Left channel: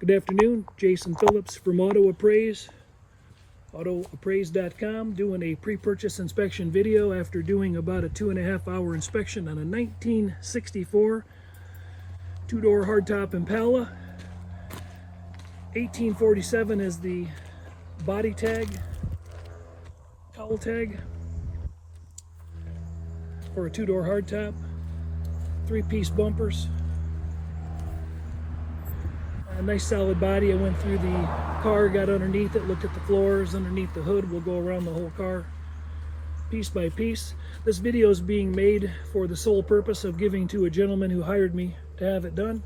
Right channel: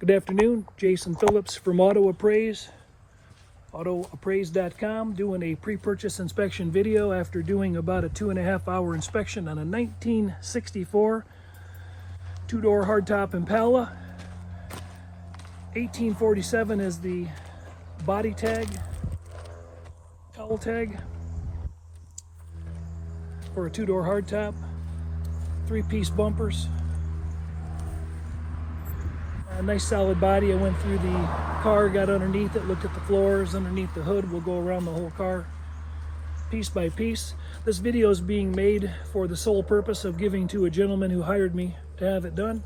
Good afternoon, Jason Phillips from Auto Appraise, autoappraise.com, doing a pre-purchase inspection video after doing about a 2.5-hour inspection on a 1964 two-door hardtop Impala. 1847 is the body tag, cowl tag for a two-door hardtop, 3-piece bumpers. A nice solid body. I went through the car, got underneath it, looked at the floors, underneath the hood. We'll go around the whole car piece by piece. This video is being made for the sole purpose of giving to a gentleman who hired me to have it done.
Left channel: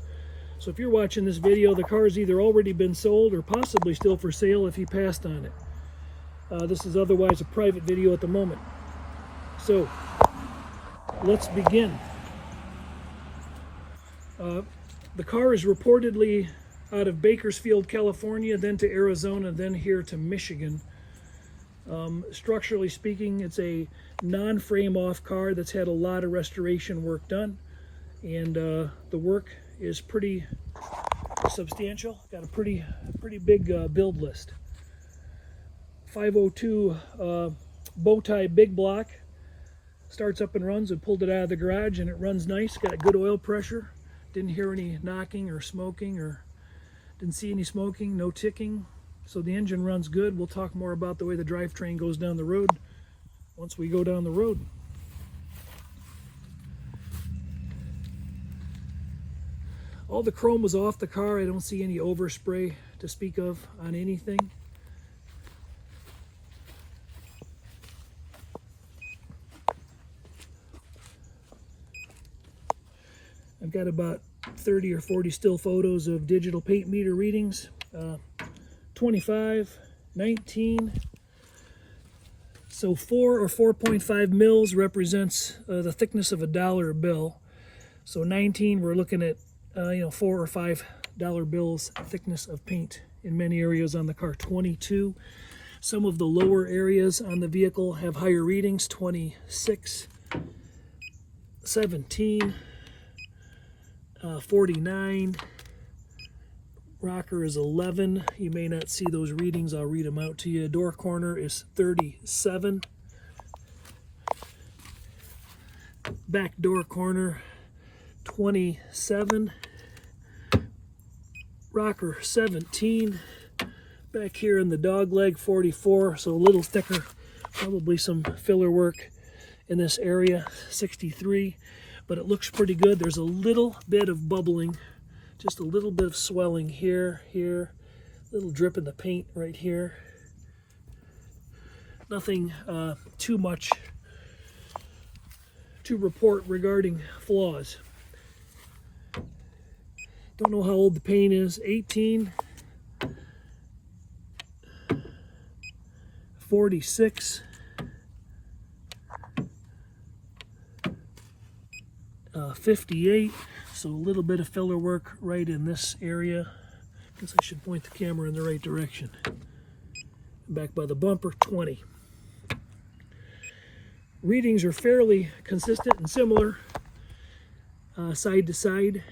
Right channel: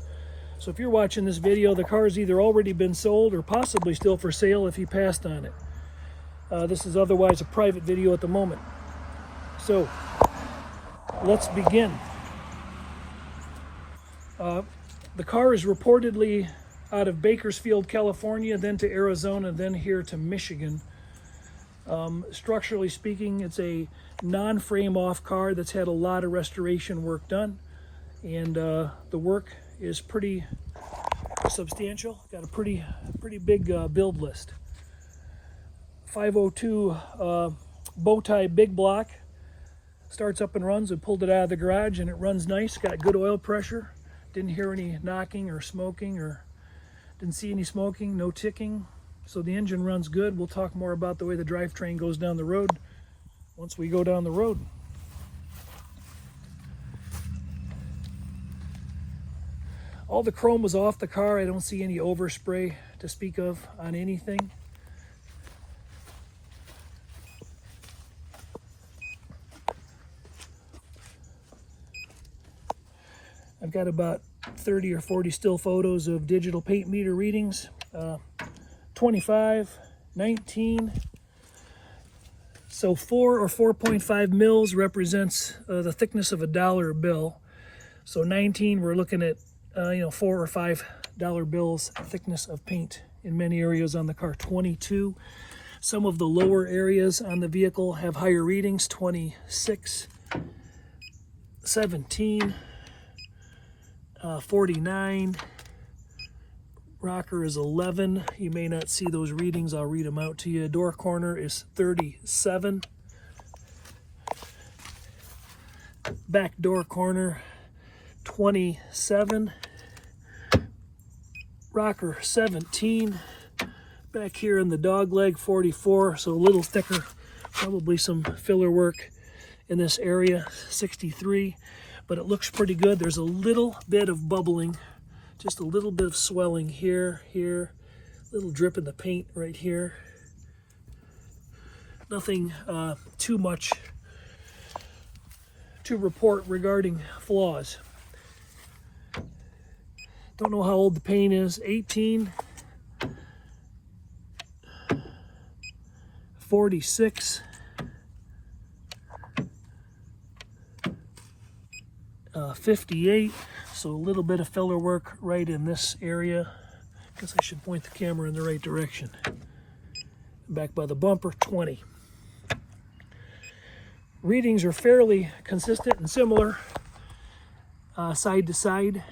So if you're watching this video, the car's either already been sold or possibly still for sale if he passed on it. This is otherwise a private video at the moment. So let's begin. The car is reportedly out of Bakersfield, California, then to Arizona, then here to Michigan. Structurally speaking, it's a non-frame off car that's had a lot of restoration work done, and the work is pretty substantial. Got a pretty big build list. 502 bow tie big block, starts up and runs. I pulled it out of the garage and it runs nice. Got good oil pressure. Didn't hear any knocking or smoking, or didn't see any smoking, no ticking. So the engine runs good. We'll talk more about the way the drivetrain goes down the road once we go down the road. All the chrome was off the car. I don't see any overspray to speak of on anything. I've got about 30 or 40 still photos of digital paint meter readings. 25, 19. So 4 or 4.5 mils represents the thickness of a dollar bill. So 19, we're looking at 4 or 5 dollar bills thickness of paint in many areas on the car. 22. Some of the lower areas on the vehicle have higher readings. 26, 17. 49, rocker is 11. You may not see those readings. I'll read them out to you. Door corner is 37. Back door corner 27. Rocker 17. Back here in the dog leg 44, so a little thicker. Probably some filler work in this area. 63. But it looks pretty good. There's a little bit of bubbling, just a little bit of swelling here, little drip in the paint right here. Nothing too much to report regarding flaws. Don't know how old the paint is. 18, 46, 58, so a little bit of filler work right in this area. Guess I should point the camera in the right direction. Back by the bumper, 20. Readings are fairly consistent and similar, side to side.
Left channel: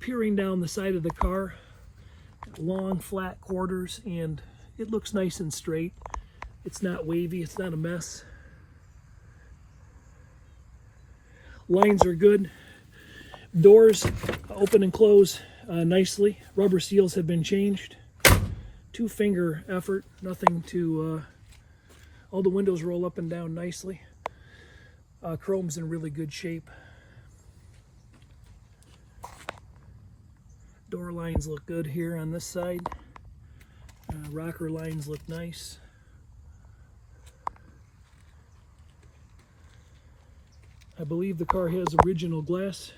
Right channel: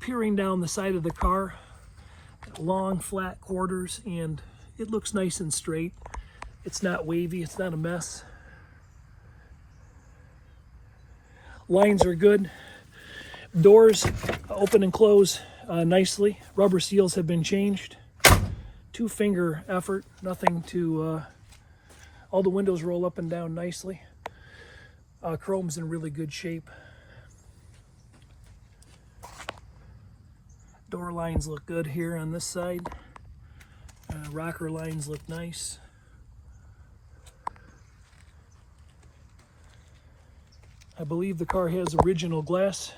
Peering down the side of the car, got long flat quarters, and it looks nice and straight. It's not wavy, it's not a mess. Lines are good. Doors open and close nicely. Rubber seals have been changed. 2-finger effort, nothing to, all the windows roll up and down nicely. Chrome's in really good shape. Door lines look good here on this side. Rocker lines look nice. I believe the car has original glass.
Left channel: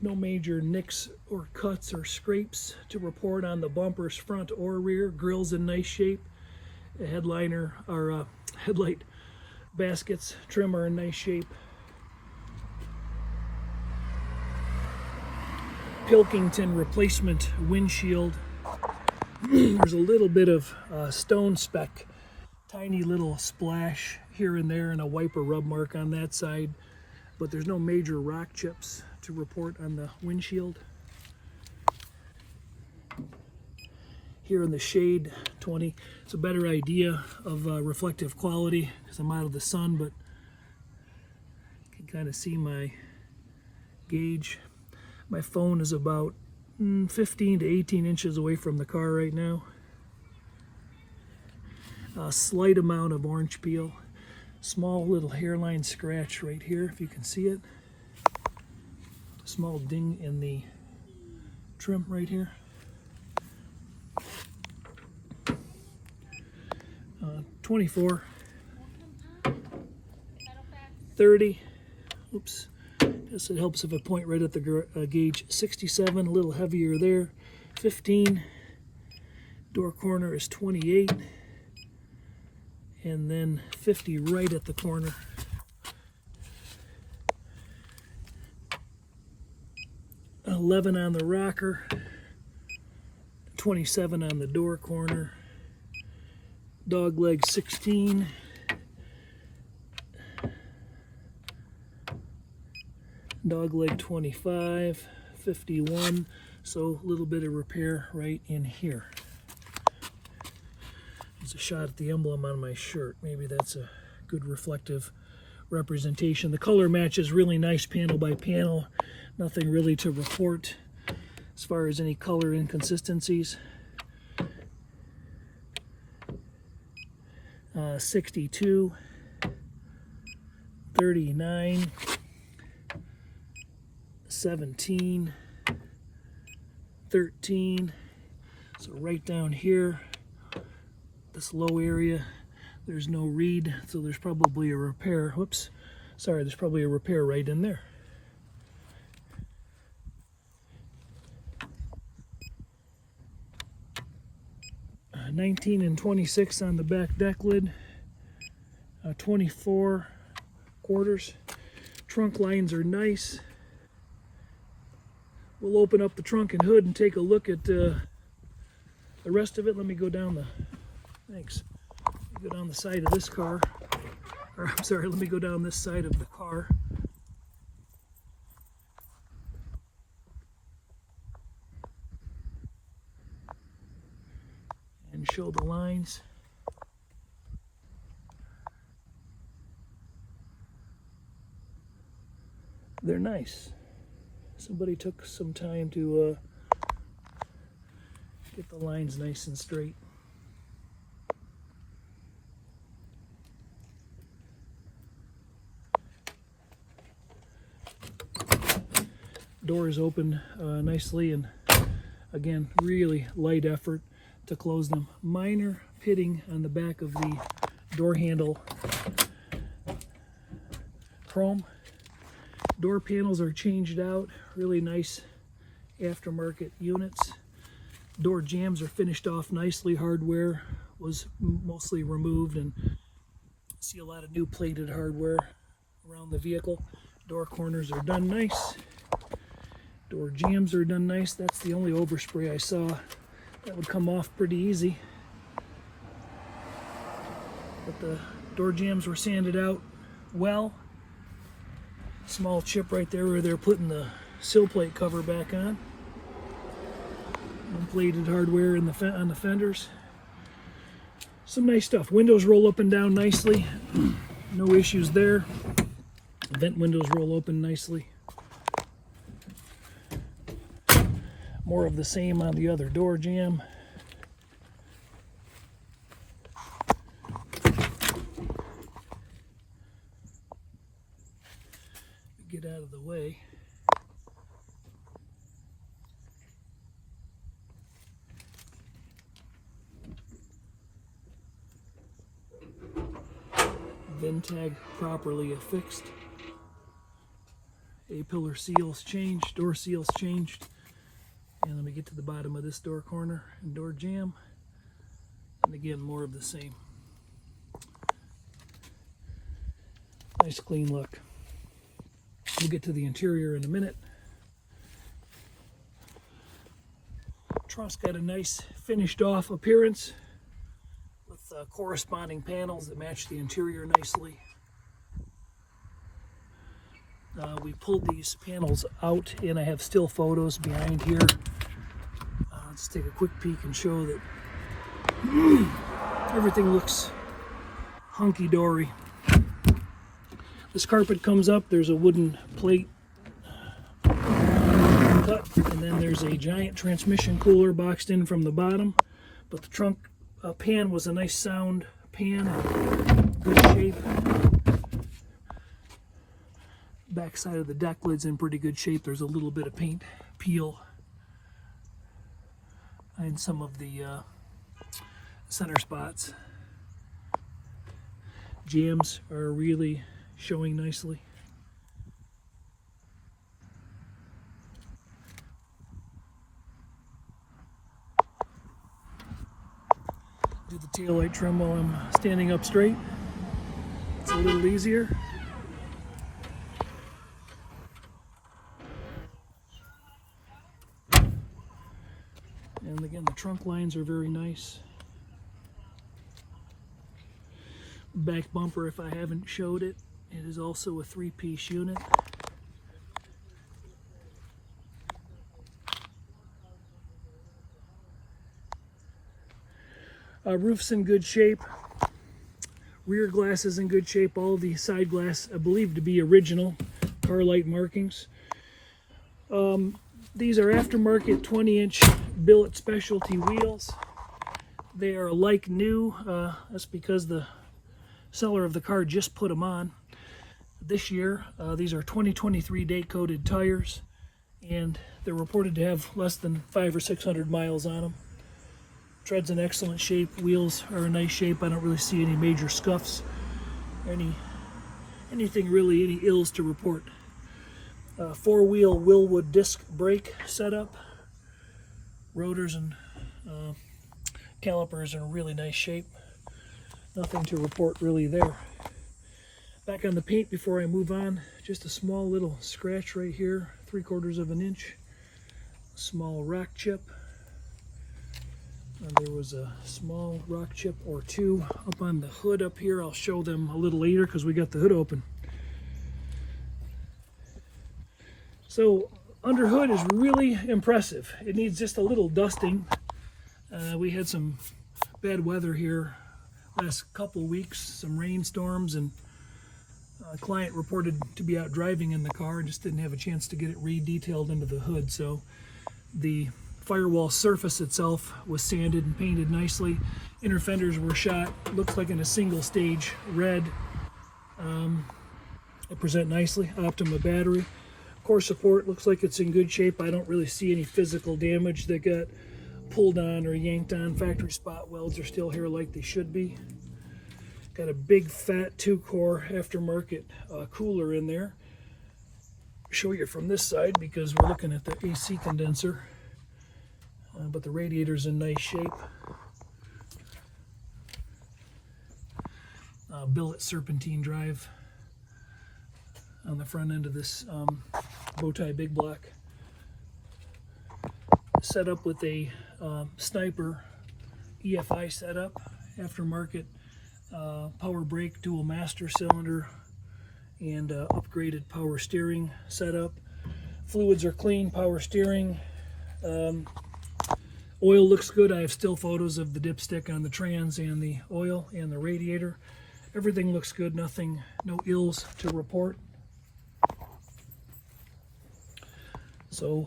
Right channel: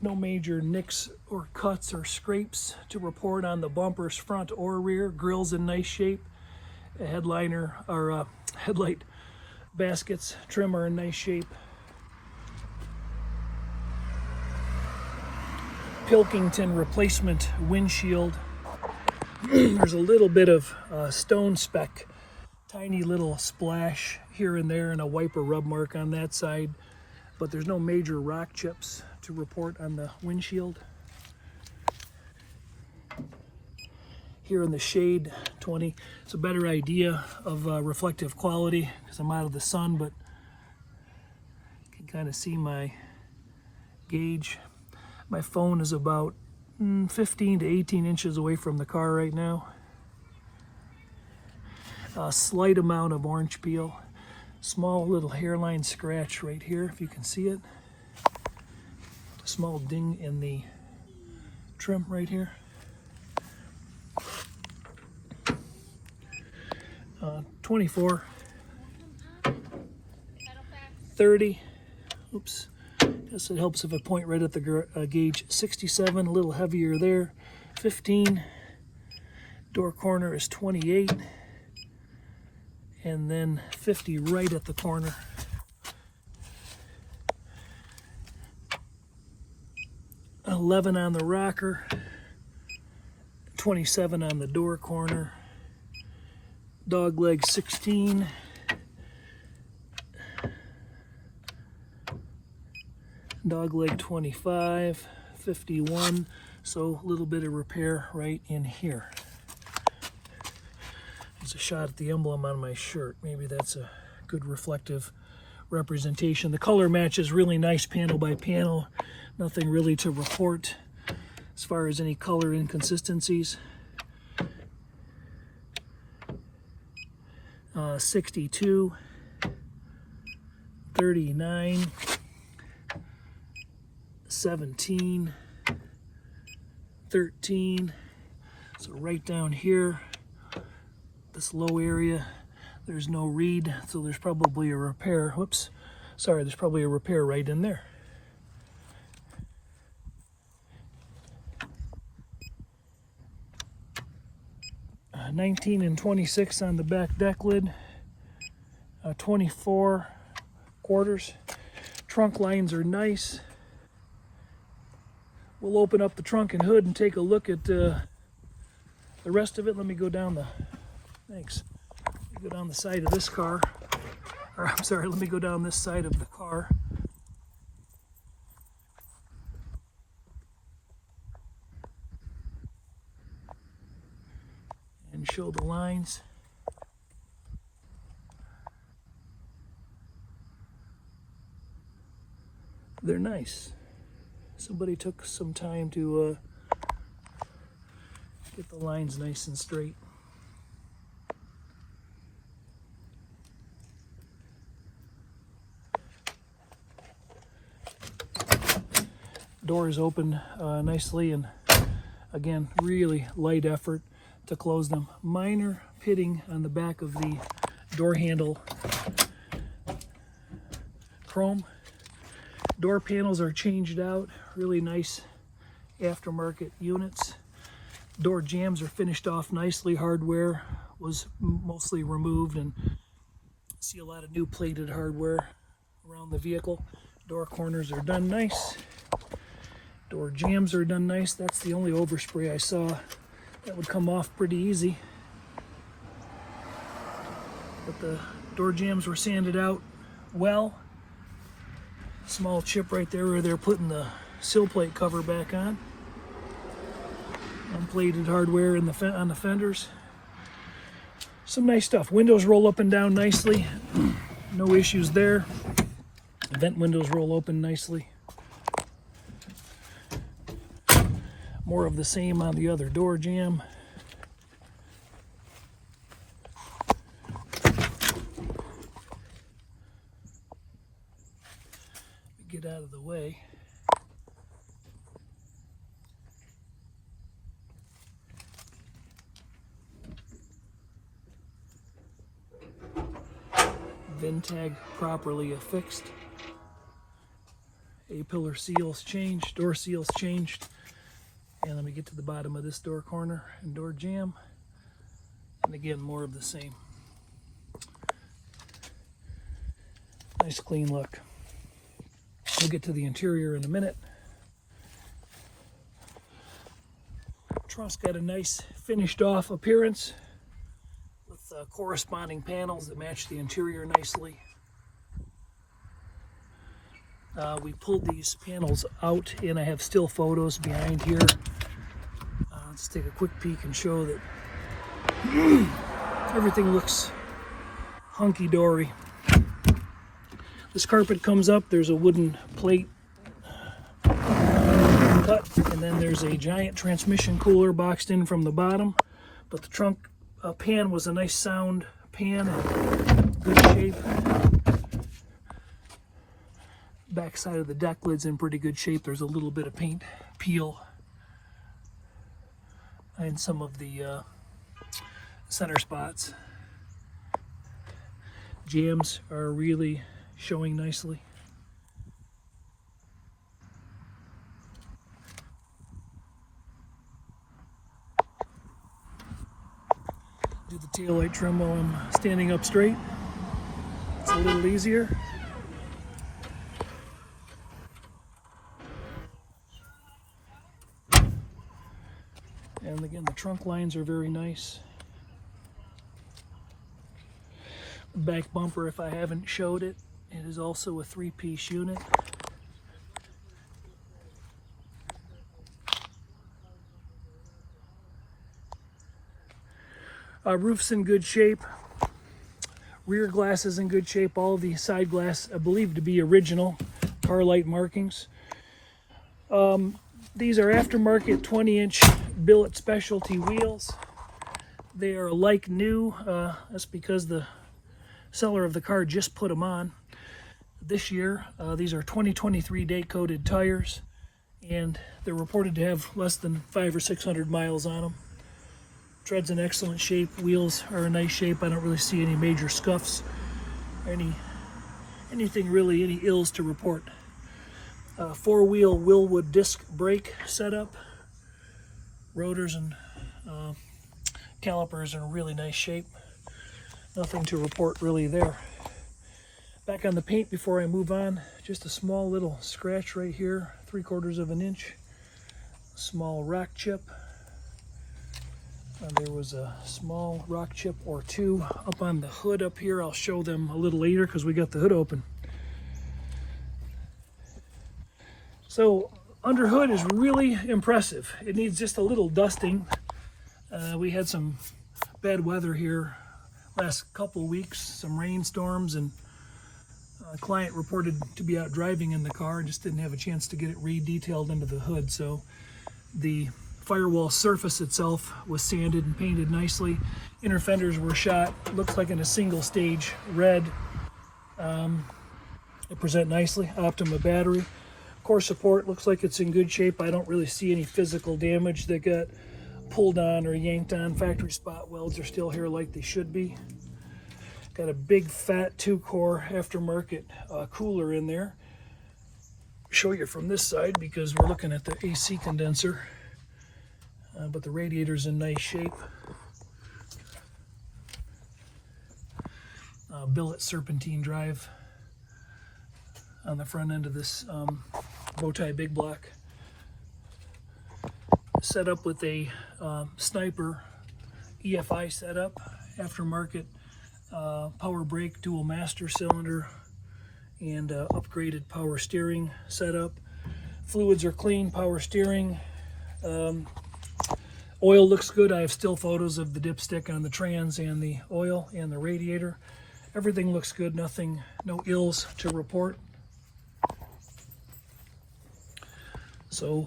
No major nicks or cuts or scrapes to report on the bumpers, front or rear. Grill's in nice shape. A headliner or headlight baskets, trim are in nice shape. Pilkington replacement windshield. There's a little bit of stone speck, tiny little splash here and there, and a wiper rub mark on that side, but there's no major rock chips to report on the windshield. Here in the shade, 20. It's a better idea of reflective quality because I'm out of the sun, but you can kind of see my gauge. My phone is about 15 to 18 inches away from the car right now. A slight amount of orange peel. Small little hairline scratch right here, if you can see it. A small ding in the trim right here. 24, 30, oops, guess it helps if I point right at the gauge. 67, a little heavier there. 15, door corner is 28, and then 50 right at the corner. $11 on the rocker, 27 on the door corner. Dog leg 16, dog leg 25, 51, so a little bit of repair right in here. There's a shot at the emblem on my shirt. Maybe that's a good reflective representation. The color match is really nice panel by panel. Nothing really to report as far as any color inconsistencies. 62, 39, 17, 13. So right down here, this low area, there's no read, so there's probably a repair. Whoops, sorry, there's probably a repair right in there. Uh, 19 and 26 on the back deck lid. 24 quarters. Trunk lines are nice. We'll open up the trunk and hood and take a look at the rest of it. Let me go down the, thanks. Let me go down the side of this car. Or I'm sorry, let me go down this side of the car. And show the lines. They're nice. Somebody took some time to get the lines nice and straight. Doors open nicely, and again, really light effort to close them. Minor pitting on the back of the door handle chrome. Door panels are changed out, really nice aftermarket units. Door jambs are finished off nicely. Hardware was mostly removed, and see a lot of new plated hardware around the vehicle. Door corners are done nice. Door jambs are done nice. That's the only overspray I saw. That would come off pretty easy. But the door jambs were sanded out well. Small chip right there where they're putting the sill plate cover back on. Unplated hardware in on the fenders. Some nice stuff. Windows roll up and down nicely. No issues there. Vent windows roll open nicely. More of the same on the other door jamb. Get out of the way. VIN tag properly affixed. A-pillar seals changed, door seals changed. And let me get to the bottom of this door corner and door jamb. And again, more of the same. Nice clean look. We'll get to the interior in a minute. Truss got a nice finished off appearance with corresponding panels that match the interior nicely. We pulled these panels out, and I have still photos behind here. Let's take a quick peek and show that everything looks hunky-dory. This carpet comes up, there's a wooden plate cut, and then there's a giant transmission cooler boxed in from the bottom. But the trunk pan was a nice sound pan, good shape. Back side of the deck lid's in pretty good shape. There's a little bit of paint peel and some of the center spots. Jams are really showing nicely. Do the taillight trim while I'm standing up straight. It's a little easier. And again, the trunk lines are very nice. Back bumper, if I haven't showed it, it is also a 3-piece unit. Roof's in good shape. Rear glass is in good shape. All the side glass, I believe to be original car light markings. These are aftermarket 20-inch billet specialty wheels. They are like new. That's because the seller of the car just put them on this year. These are 2023 date coded tires, and they're reported to have less than 500 or 600 miles on them. Tread's in excellent shape. Wheels are in nice shape. I don't really see any major scuffs, anything really, any ills to report. 4-wheel Willwood disc brake setup. Rotors and calipers are in really nice shape. Nothing to report really there. Back on the paint before I move on, just a small little scratch right here, 3/4 of an inch. A small rock chip. There was a small rock chip or two up on the hood up here. I'll show them a little later because we got the hood open. So under hood is really impressive. It needs just a little dusting. We had some bad weather here last couple of weeks, some rainstorms, and a client reported to be out driving in the car and just didn't have a chance to get it re-detailed into the hood. So the firewall surface itself was sanded and painted nicely. Inner fenders were shot, looks like in a single stage red. They present nicely. Optima battery. Core support looks like it's in good shape. I don't really see any physical damage that got pulled on or yanked on. Factory spot welds are still here like they should be. Got a big fat 2-core aftermarket cooler in there. Show you from this side because we're looking at the AC condenser. But the radiator's in nice shape. Billet serpentine drive on the front end of this bow tie big block. Set up with a Sniper EFI setup, aftermarket power brake, dual master cylinder, and upgraded power steering setup. Fluids are clean, power steering. Oil looks good. I have still photos of the dipstick on the trans and the oil and the radiator. Everything looks good. Nothing, no ills to report. So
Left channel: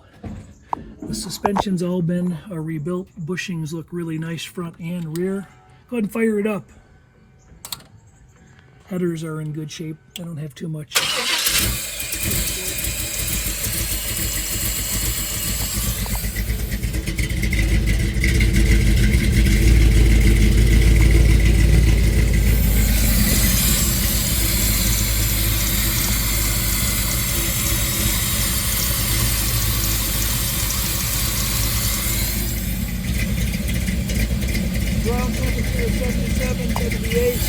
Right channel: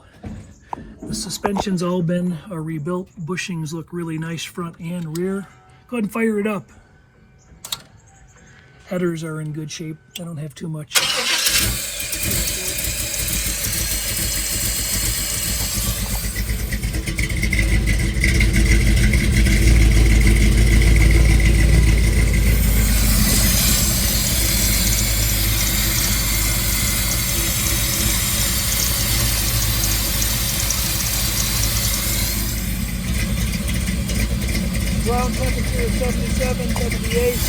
the suspension's all been rebuilt. Bushings look really nice front and rear. Go ahead and fire it up. Headers are in good shape. I don't have too much. Ground temperature is 77, 78.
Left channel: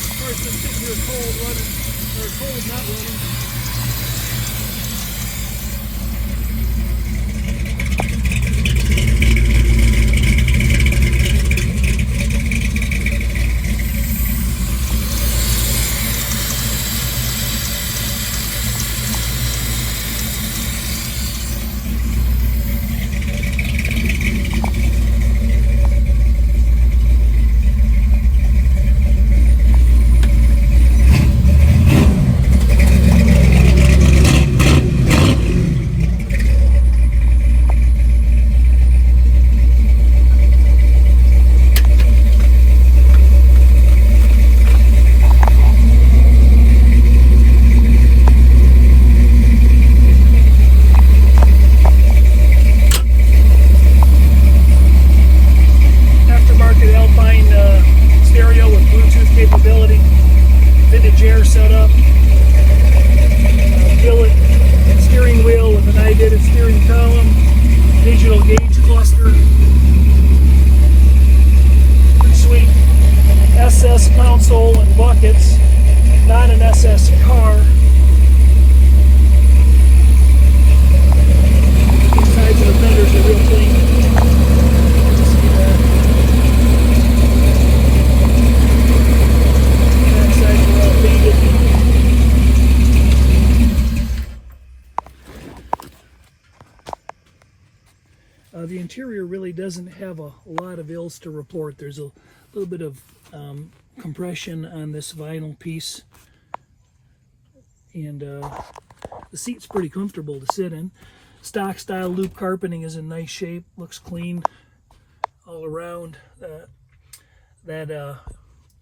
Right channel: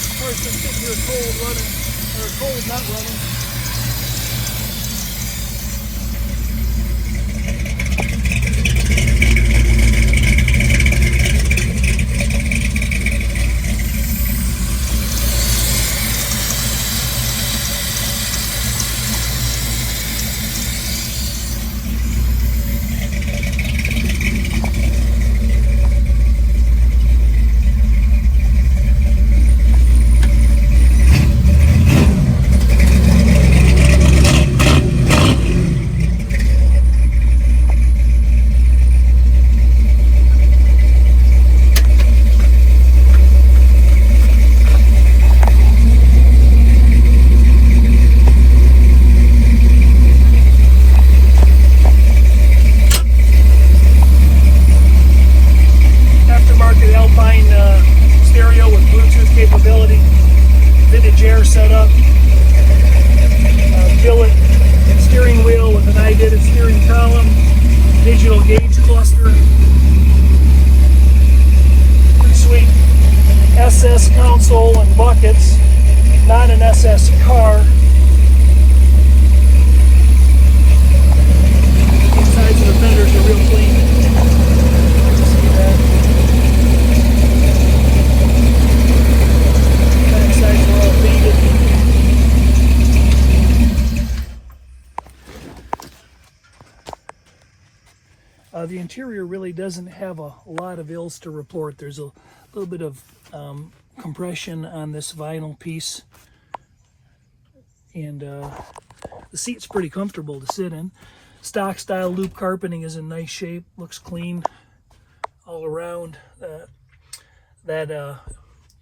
Of course, I'm sitting here cold running, or cold not running. stability, vintage air setup, billet steering wheel with an I-did steering column, digital gauge cluster, pretty sweet. SS console and buckets, not an SS car. These sides of the fenders are real clean. You can see that. Back sides are all painted. The interior really doesn't have a lot of ills to report. There's a little bit of compression on this vinyl piece, and the seat's pretty comfortable to sit in. Stock style loop carpeting is in nice shape, looks clean all around. That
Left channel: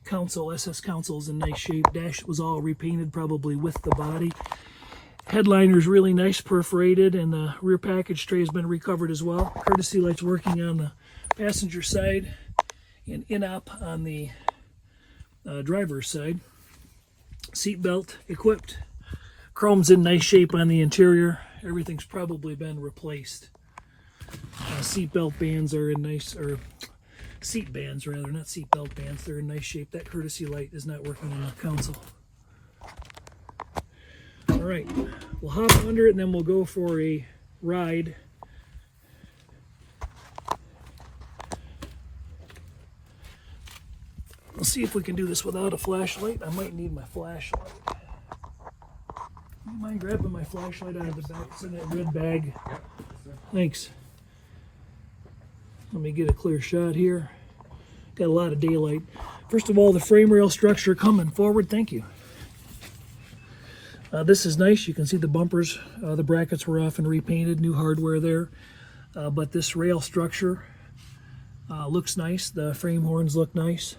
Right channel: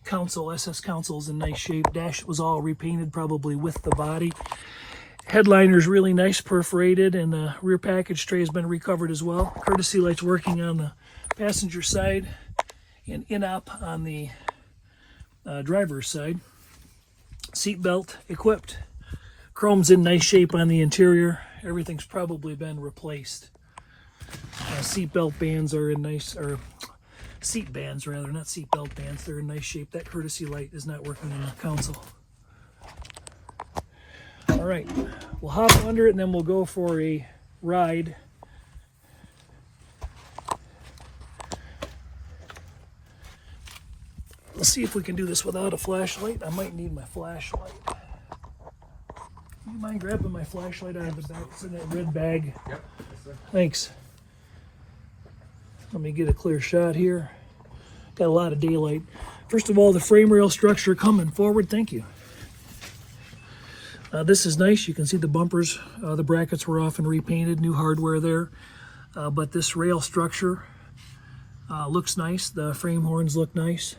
console, SS console, is in nice shape. Dash was all repainted, probably with the body. Headliner's really nice, perforated, and the rear package tray has been recovered as well. Courtesy lights working on the passenger side and in-op on the driver's side. Seat belt equipped. Chrome's in nice shape on the interior. Everything's probably been replaced. Seat belt bands are in nice, or seat bands rather, not seat belt bands. They're in nice shape. That courtesy light is not working in the console. All right, we'll hop under it and then we'll go for a ride. Let's see if we can do this without a flashlight. I might need my flashlight. Do you mind grabbing my flashlight out of the back? It's in that red bag. Yep. Thanks. Let me get a clear shot here. Got a lot of daylight. First of all, the frame rail structure coming forward. Thank you. This is nice. You can see the bumpers. The brackets were off and repainted. New hardware there. But this rail structure looks nice. The frame horns look nice.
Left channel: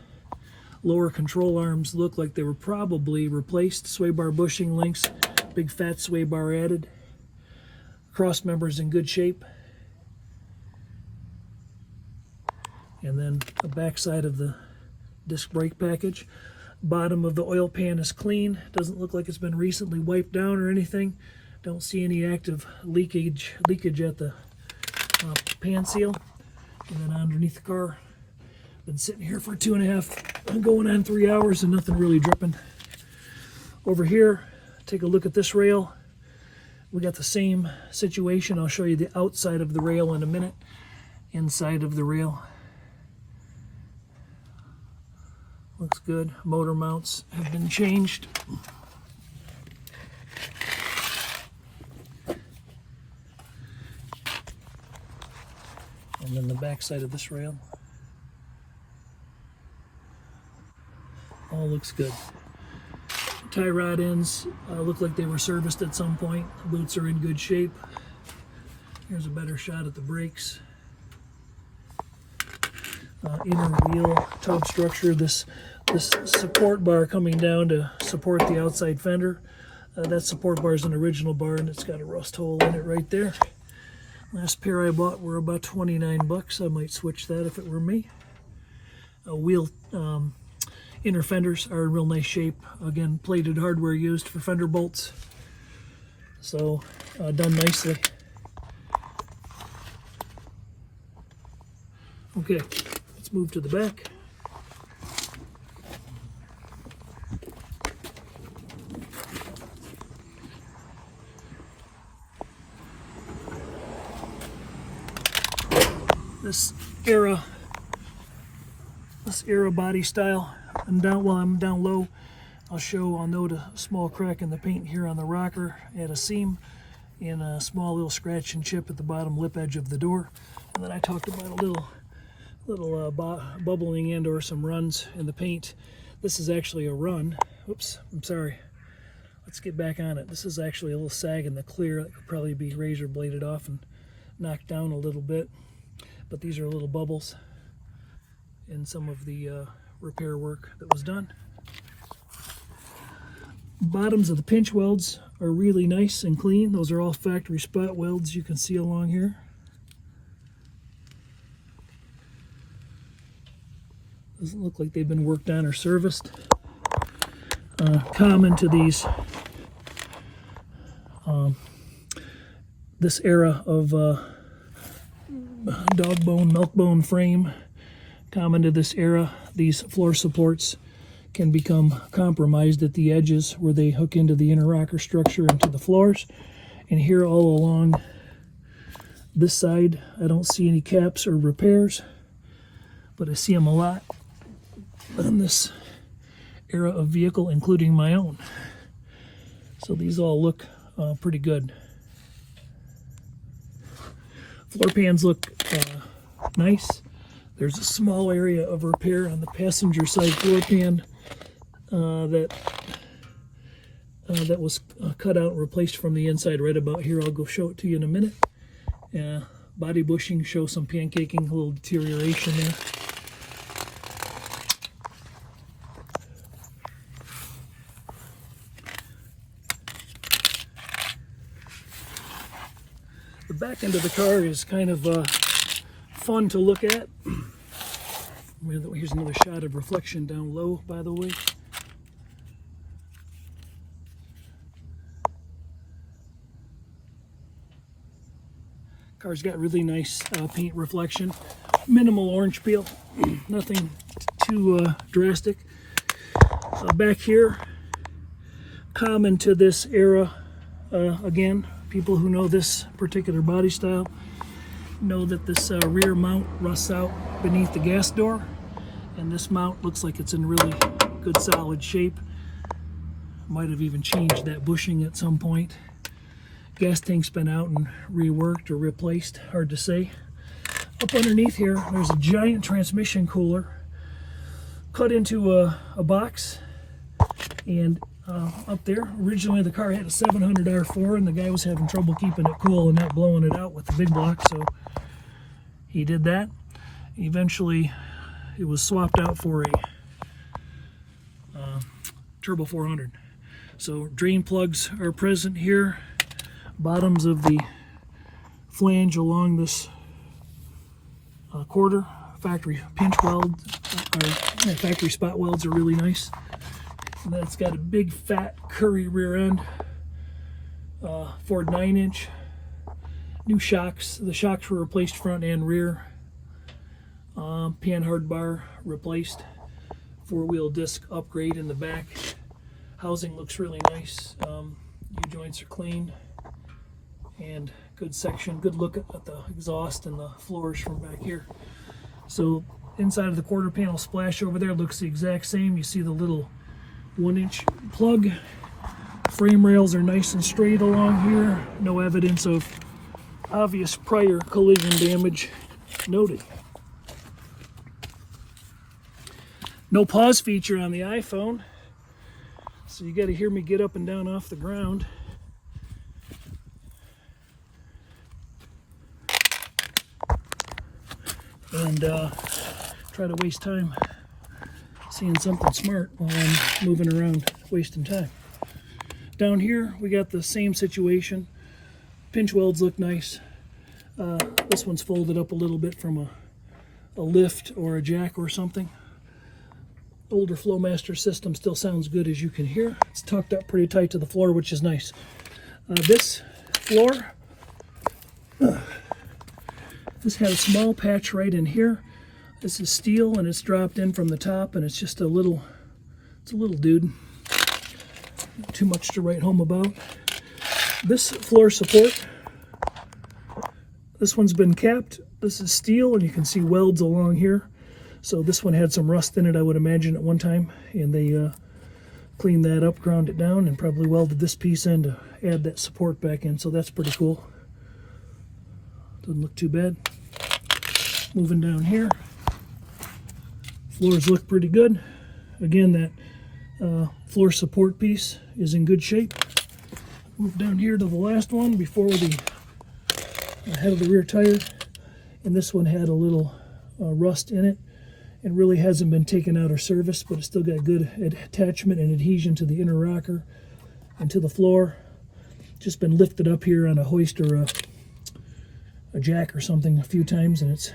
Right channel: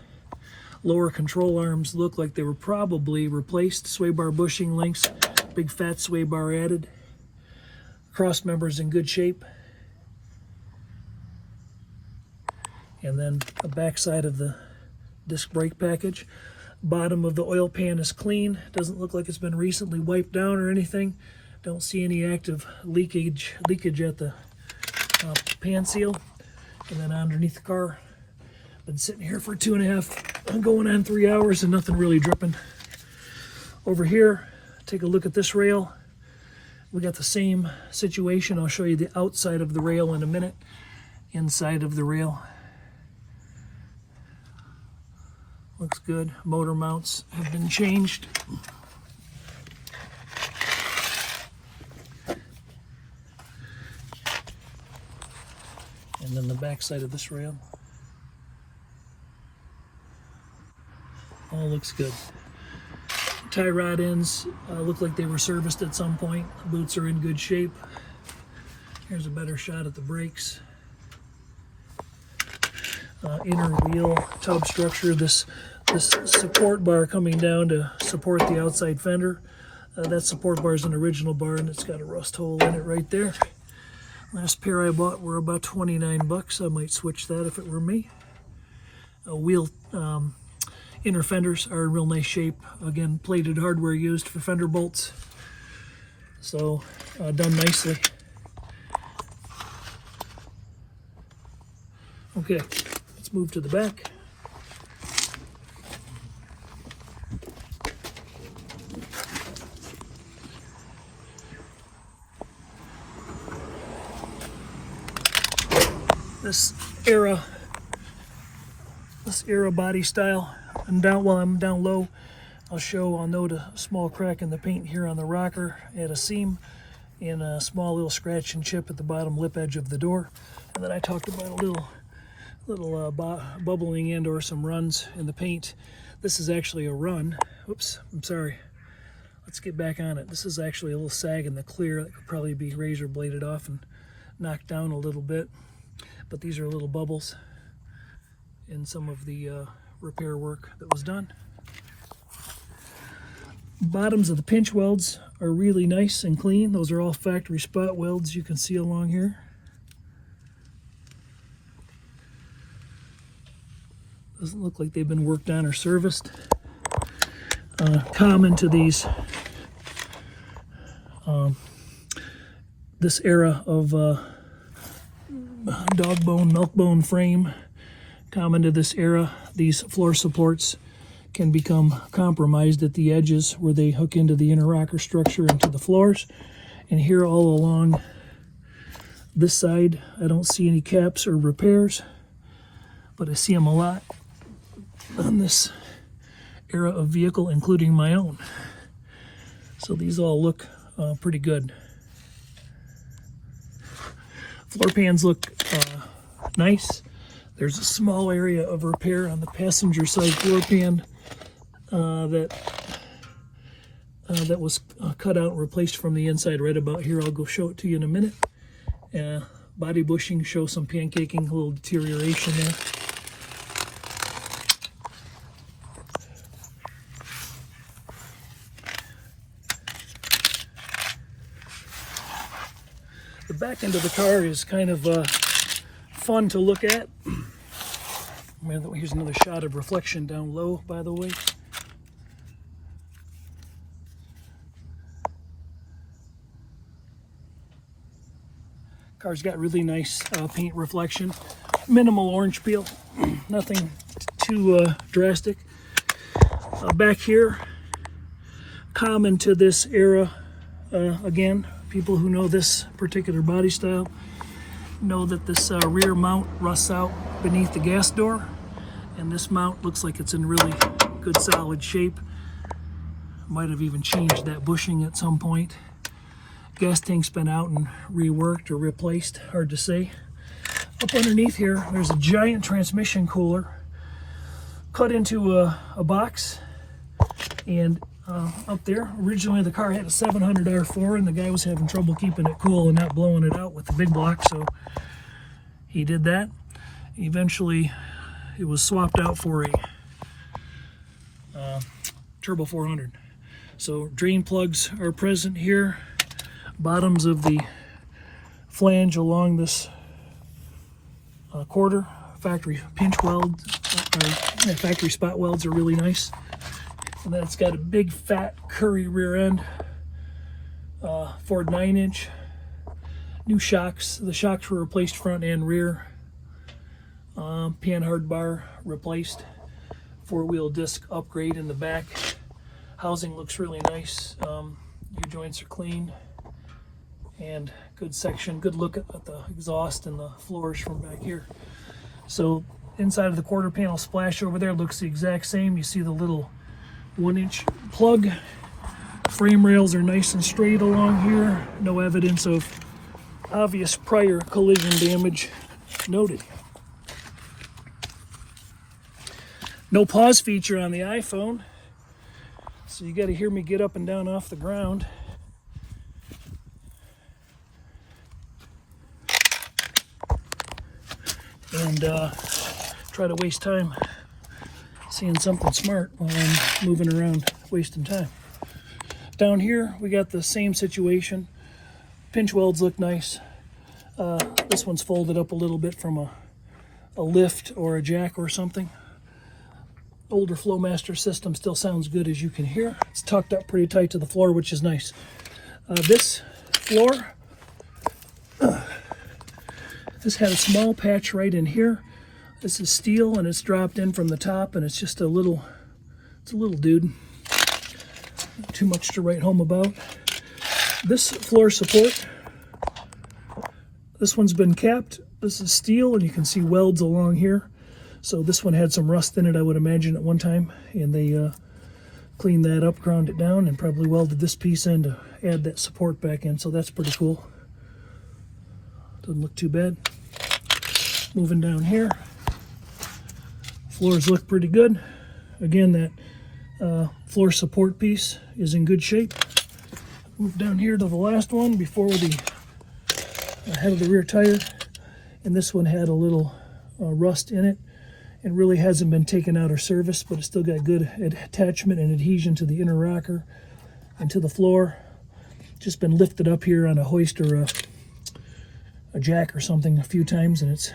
Lower control arms look like they were probably replaced. Sway bar bushing links. Big fat sway bar added. Cross members in good shape. And then the back side of the disc brake package. Bottom of the oil pan is clean. Doesn't look like it's been recently wiped down or anything. Don't see any active leakage at the pan seal. And then underneath the car, been sitting here for 2.5, going on 3 hours, and nothing really dripping. Over here, take a look at this rail. We got the same situation. I'll show you the outside of the rail in a minute. Inside of the rail. Looks good. Motor mounts have been changed. And then the back side of this rail. All looks good. Tie rod ends look like they were serviced at some point. The boots are in good shape. Here's a better shot at the brakes. Inner wheel tub structure. This support bar coming down to support the outside fender. That support bar is an original bar and it's got a rust hole in it right there. Last pair I bought were about 29 bucks. I might switch that if it were me. Wheel inner fenders are in real nice shape. Again, plated hardware used for fender bolts. So done nicely. Okay, let's move to the back. This era body style, and down while I'm down low, I'll note a small crack in the paint here on the rocker at a seam, and a small little scratch and chip at the bottom lip edge of the door. And then I talked about a little bubbling and or some runs in the paint. This is actually a run. Oops, I'm sorry. Let's get back on it. This is actually a little sag in the clear that could probably be razor bladed off and knocked down a little bit. But these are little bubbles in some of the repair work that was done. Bottoms of the pinch welds are really nice and clean. Those are all factory spot welds you can see along here. Doesn't look like they've been worked on or serviced. common to these this era of dog bone, milk bone frame. Common to this era, these floor supports can become compromised at the edges where they hook into the inner rocker structure into the floors. And here all along this side, I don't see any caps or repairs, but I see them a lot on this era of vehicle, including my own. So these all look pretty good. Floor pans look nice. There's a small area of repair on the passenger side floor pan that was cut out and replaced from the inside right about here. I'll go show it to you in a minute. Body bushing shows some pancaking, a little deterioration there. The back end of the car is kind of fun to look at. Here's another shot of reflection down low, by the way. Car's got really nice paint reflection. Minimal orange peel, nothing too drastic. Back here, common to this era, again, people who know this particular body style know that this rear mount rusts out beneath the gas door, and this mount looks like it's in really good solid shape. Might have even changed that bushing at some point. Gas tank's been out and reworked or replaced, hard to say. Up underneath here, there's a giant transmission cooler cut into a box, and up there, originally the car had a 700 R4 and the guy was having trouble keeping it cool and not blowing it out with the big block, so he did that. Eventually it was swapped out for a Turbo 400. So drain plugs are present here. Bottoms of the flange along this quarter. Factory pinch weld, factory spot welds are really nice. And then it's got a big fat Curry rear end, Ford 9-inch. New shocks. The shocks were replaced front and rear. Panhard bar replaced. 4-wheel disc upgrade in the back. Housing looks really nice. U-joints are clean. And good section, good look at the exhaust and the floors from back here. So inside of the quarter panel splash over there looks the exact same. You see the little 1-inch plug. Frame rails are nice and straight along here. No evidence of obvious prior collision damage noted. No pause feature on the iPhone, so you got to hear me get up and down off the ground. And try to waste time seeing something smart while I'm moving around wasting time. Down here we got the same situation. Pinch welds look nice. This one's folded up a little bit from a lift or a jack or something. Older Flowmaster system still sounds good, as you can hear. It's tucked up pretty tight to the floor, which is nice. This floor, this had a small patch right in here. This is steel and it's dropped in from the top, and it's just a little dude. Not too much to write home about. This floor support, this one's been capped. This is steel and you can see welds along here. So this one had some rust in it, I would imagine, at one time, and they cleaned that up, ground it down, and probably welded this piece in to add that support back in. So that's pretty cool. Doesn't look too bad. Moving down here, floors look pretty good. Again, that floor support piece is in good shape. Move down here to the last one before the head of the rear tire, and this one had a little rust in it. It really hasn't been taken out or serviced, but it's still got good attachment and adhesion to the inner rocker and to the floor. Just been lifted up here on a hoist or a jack or something a few times, and it's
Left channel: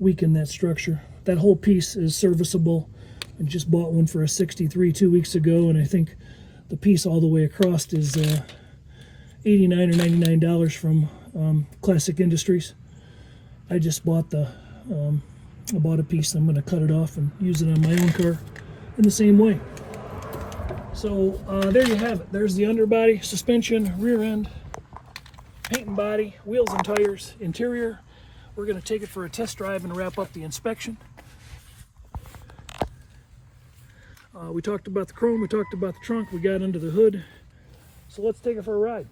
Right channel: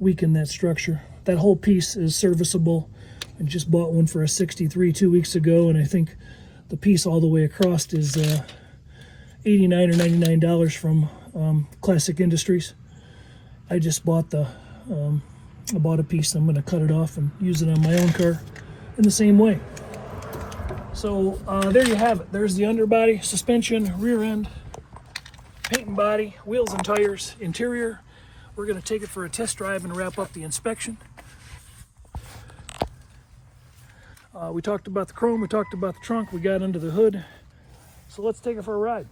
weakened that structure. That whole piece is serviceable. I just bought one for a 63 2 weeks ago, and I think the piece all the way across is $89 or $99 from Classic Industries. I just bought I bought a piece. I'm going to cut it off and use it on my own car in the same way. So there you have it. There's the underbody, suspension, rear end, paint and body, wheels and tires, interior. We're going to take it for a test drive and wrap up the inspection. We talked about the chrome, we talked about the trunk, we got under the hood. So let's take it for a ride.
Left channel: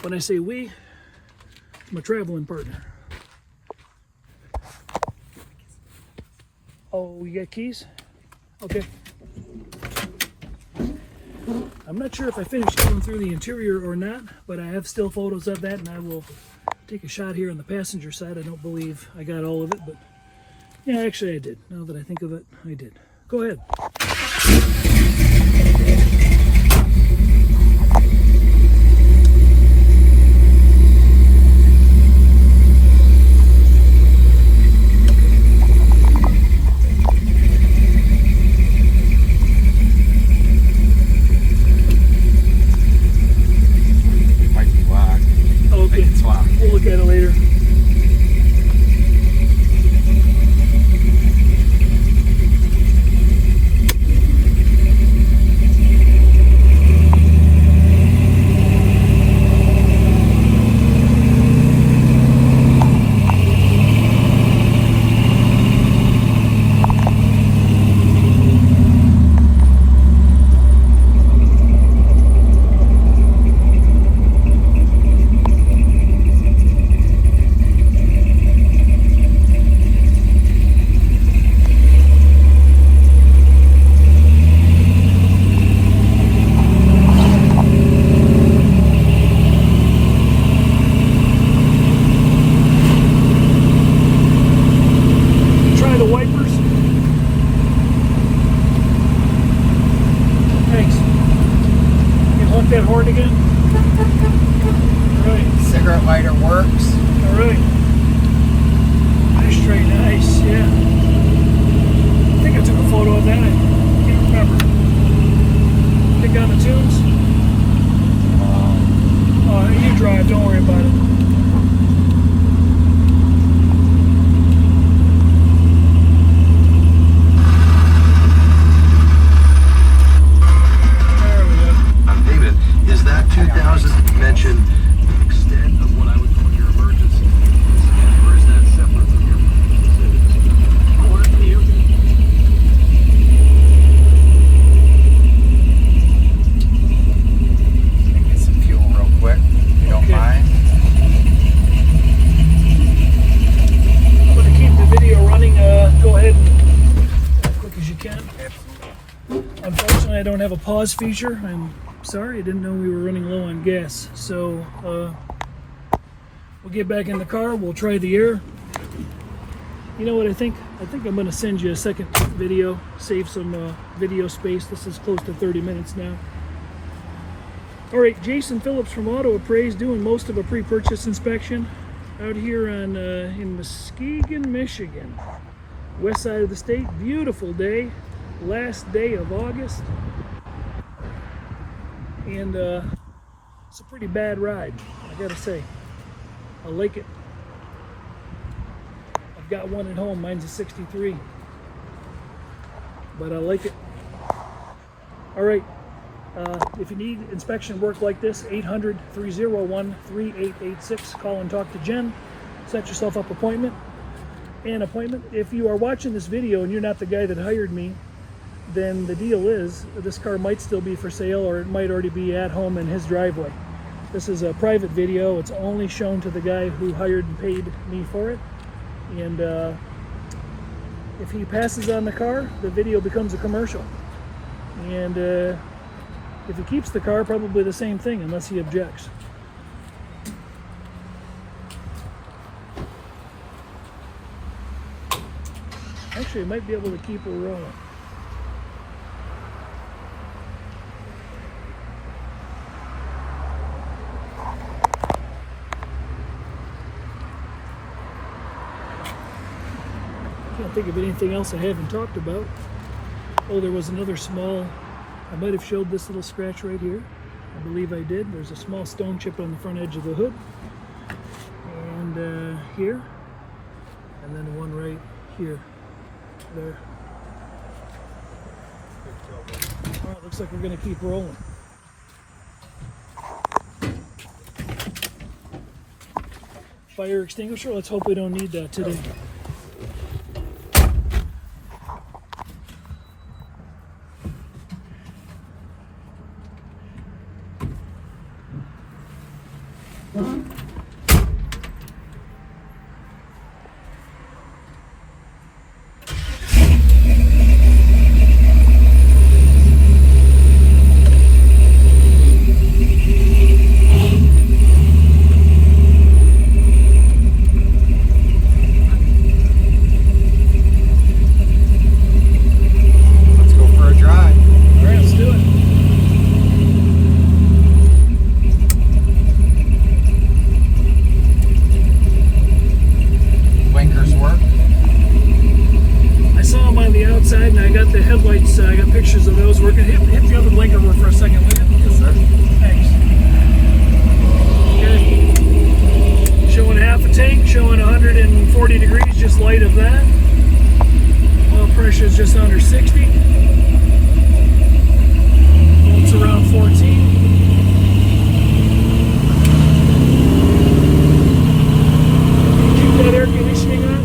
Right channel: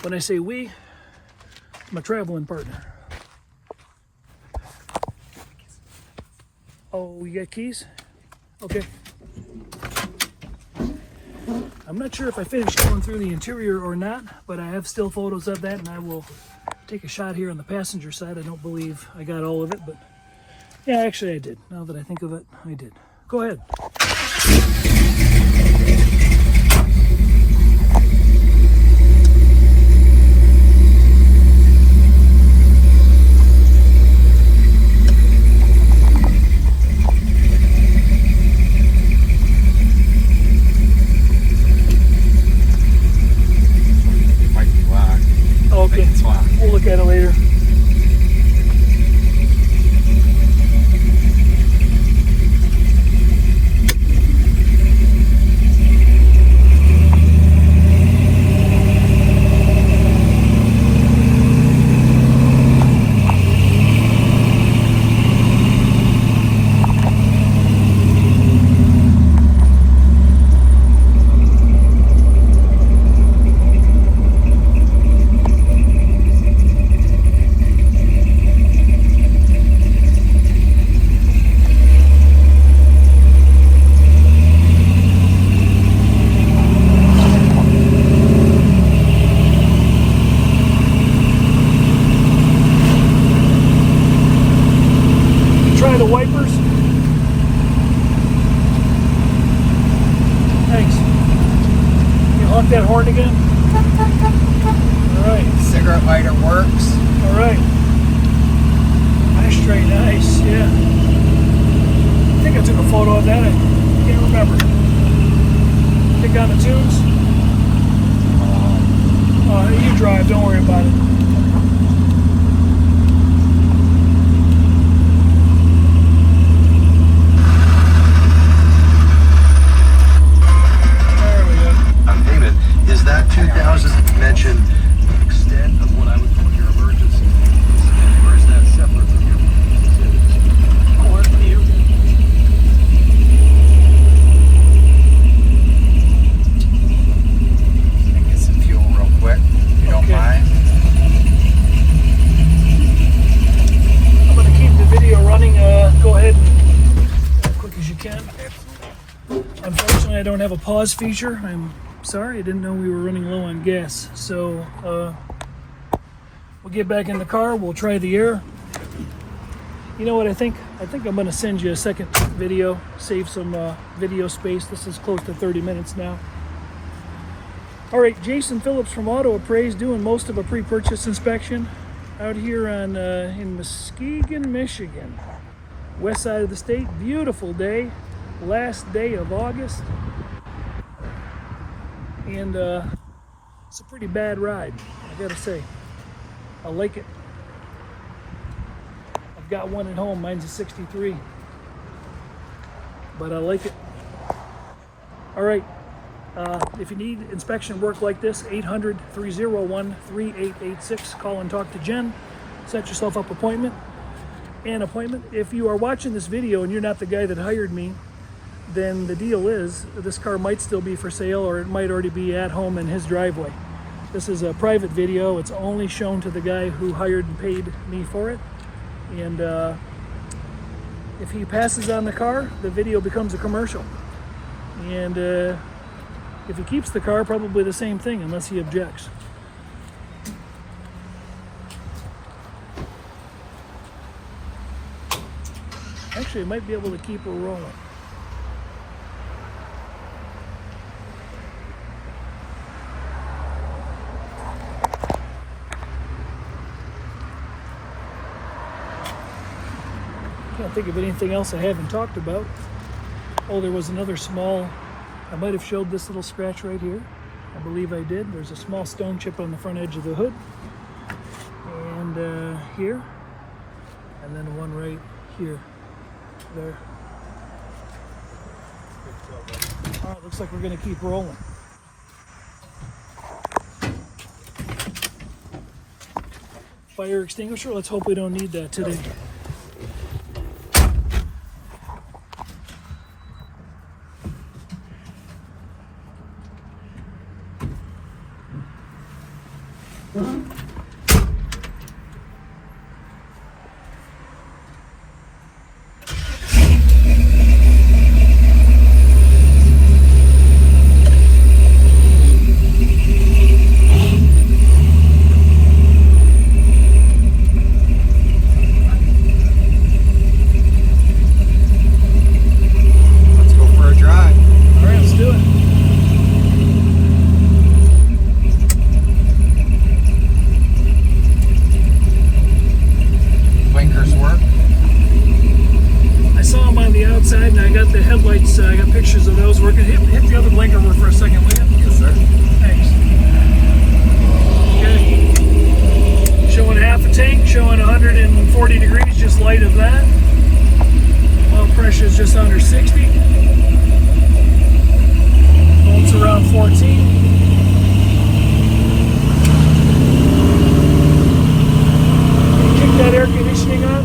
When I say we, I'm a traveling partner. Oh, you got keys? Okay. I'm not sure if I finished going through the interior or not, but I have still photos of that, and I will take a shot here on the passenger side. I don't believe I got all of it, but yeah, actually I did. Now that I think of it, I did. Go ahead. We'll look at it later. That horn again? Alright. Cigarette lighter works. Alright. Ashtray, nice, yeah. I think I took a photo of that. I can't remember. Take down the tubes. You drive, don't worry about it. Mention the extent of what I would call your emergency, or is that separate from your get some fuel real quick, if you don't mind. I'm going to keep the video running. Go ahead as quick as you can. Unfortunately, I don't have a pause feature. Sorry, I didn't know we were running low on gas. So we'll get back in the car, we'll try the air. You know what I think? I think I'm gonna send you a second video, save some video space. This is close to 30 minutes now. All right, Jason Phillips from Auto Appraise doing most of a pre-purchase inspection out here on in Muskegon, Michigan. West side of the state, beautiful day, last day of August. And it's a pretty bad ride, I gotta say. I like it. I've got one at home, mine's a 63. But I like it. All right, if you need inspection work like this, 800-301-3886. Call and talk to Jen. Set yourself up an appointment. If you are watching this video and you're not the guy that hired me, then the deal is this car might still be for sale, or it might already be at home in his driveway. This is a private video. It's only shown to the guy who hired and paid me for it. And if he passes on the car, the video becomes a commercial. And if he keeps the car, probably the same thing, unless he objects. Actually, I might be able to keep her rolling. Can't think of anything else I haven't talked about. Oh, there was another small, I might have showed this little scratch right here. I believe I did. There's a small stone chip on the front edge of the hood. And here. And then one right here. There. All right, looks like we're going to keep rolling. Fire extinguisher. Let's hope we don't need that today. I got pictures of those working. Hit the other blinker for a second, will you? Yes, sir. Thanks. Okay. Showing half a tank, showing 140 degrees, just light of that. Oil pressure is just under 60. Volts around 14. Can you kick that air conditioning on?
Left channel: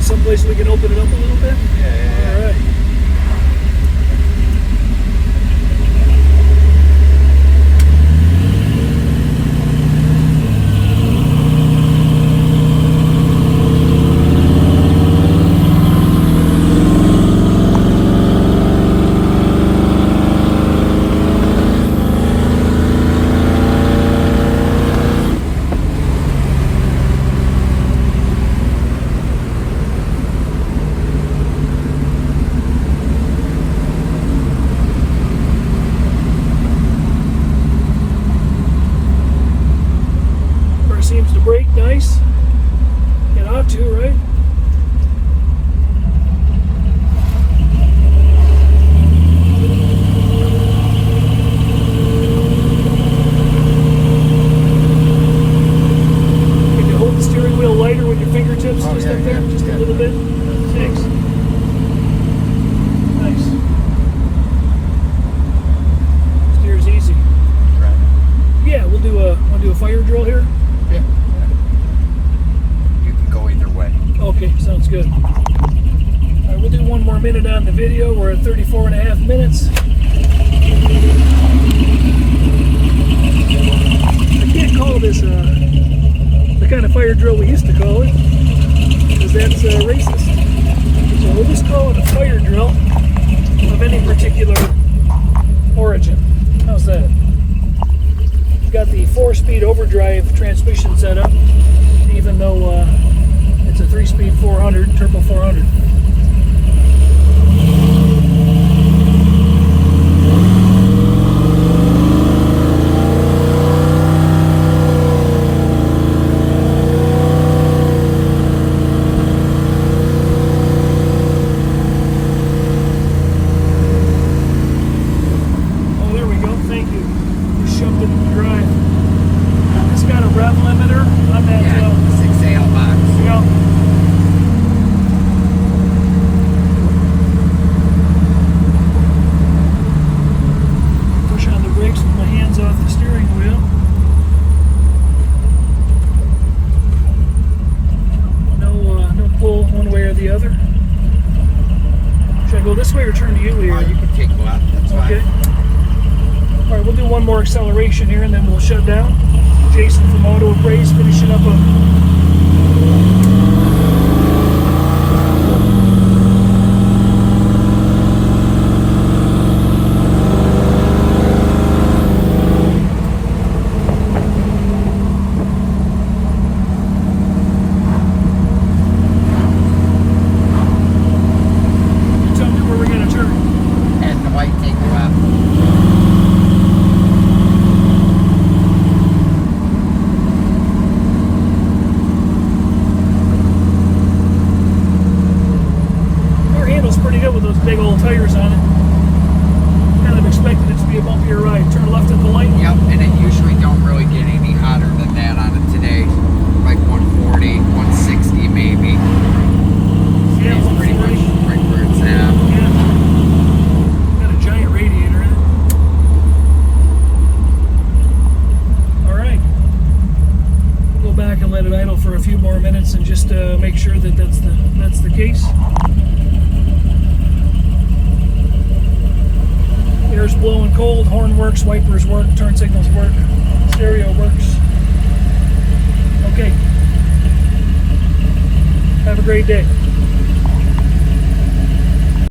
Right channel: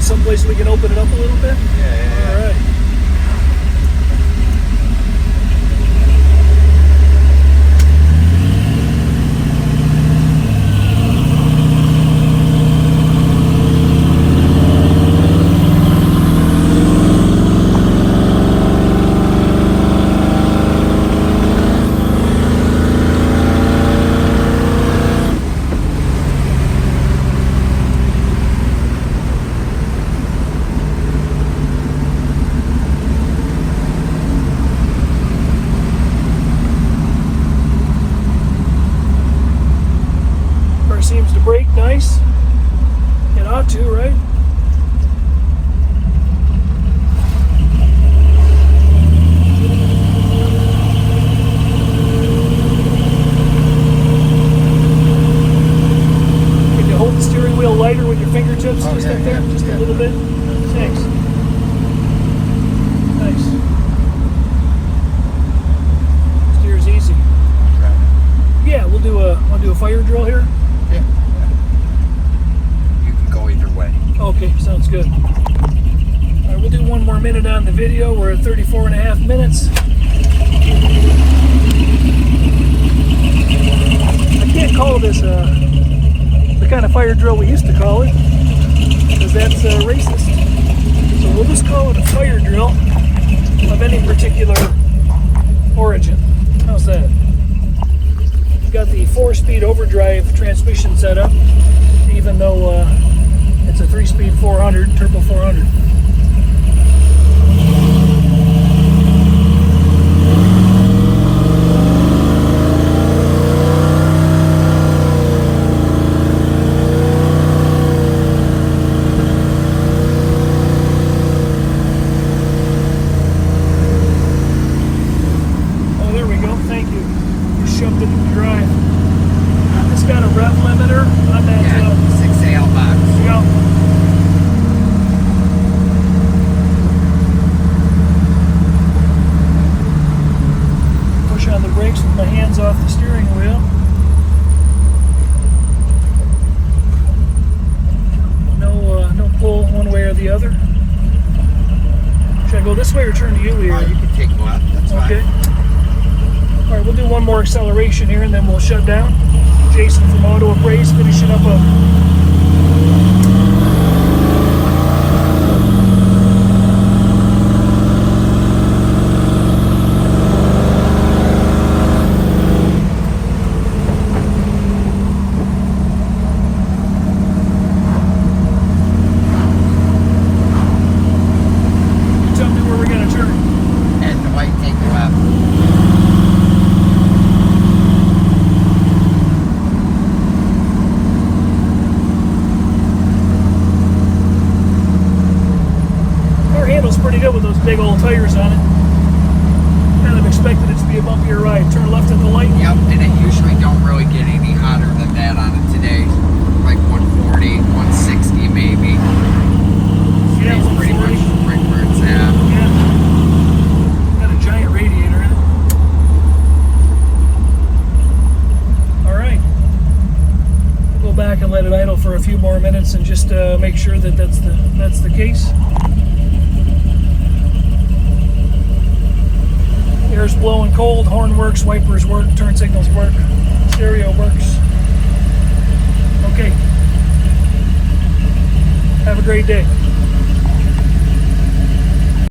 Someplace we can open it up a little bit? Yeah. All right. Seems to brake nice. It ought to, right? Can you hold the steering wheel lighter with your fingertips? Oh, Just yeah, up there, yeah, just a little bit. Thanks. Nice. Steers easy. Yeah, we'll do a. Want to do a fire drill here? Yeah. You can go either way. Okay, sounds good. All right, we'll do one more minute on the video. We're at 34 and a half minutes. I can't call this the kind of fire drill we used to call it, because that's racist. So we'll just call it a fire drill of any particular origin. How's that? We've got the 4-speed overdrive transmission set up, even though it's a 3-speed 400, turbo 400. Oh, there we go. Thank you. Just shoved it in the drive. It's got a rev limiter on that. 6AL box. Yeah. Push on the brakes with my hands off the steering wheel. No pull one way or the other. Should I go this way or turn to you here? You can take one. That's Okay. fine. All right, we'll do one more acceleration here and then we'll shut down. Jason from Auto Appraise finishing up a pretty good with those big old tires on it. Kind of expected it to be a bumpier ride. Turn left at the light. Yep, and it usually don't really get any hotter than that on it today. Like 140, 160 maybe. Yeah, It's pretty 140. much right where it's at. Yeah. Got a giant radiator in it. Alright. We'll go back and let it idle for a few more minutes and just make sure that that's the case. Air's blowing cold, horn works, wipers work, turn signals work, stereo works. Okay. Have a great day.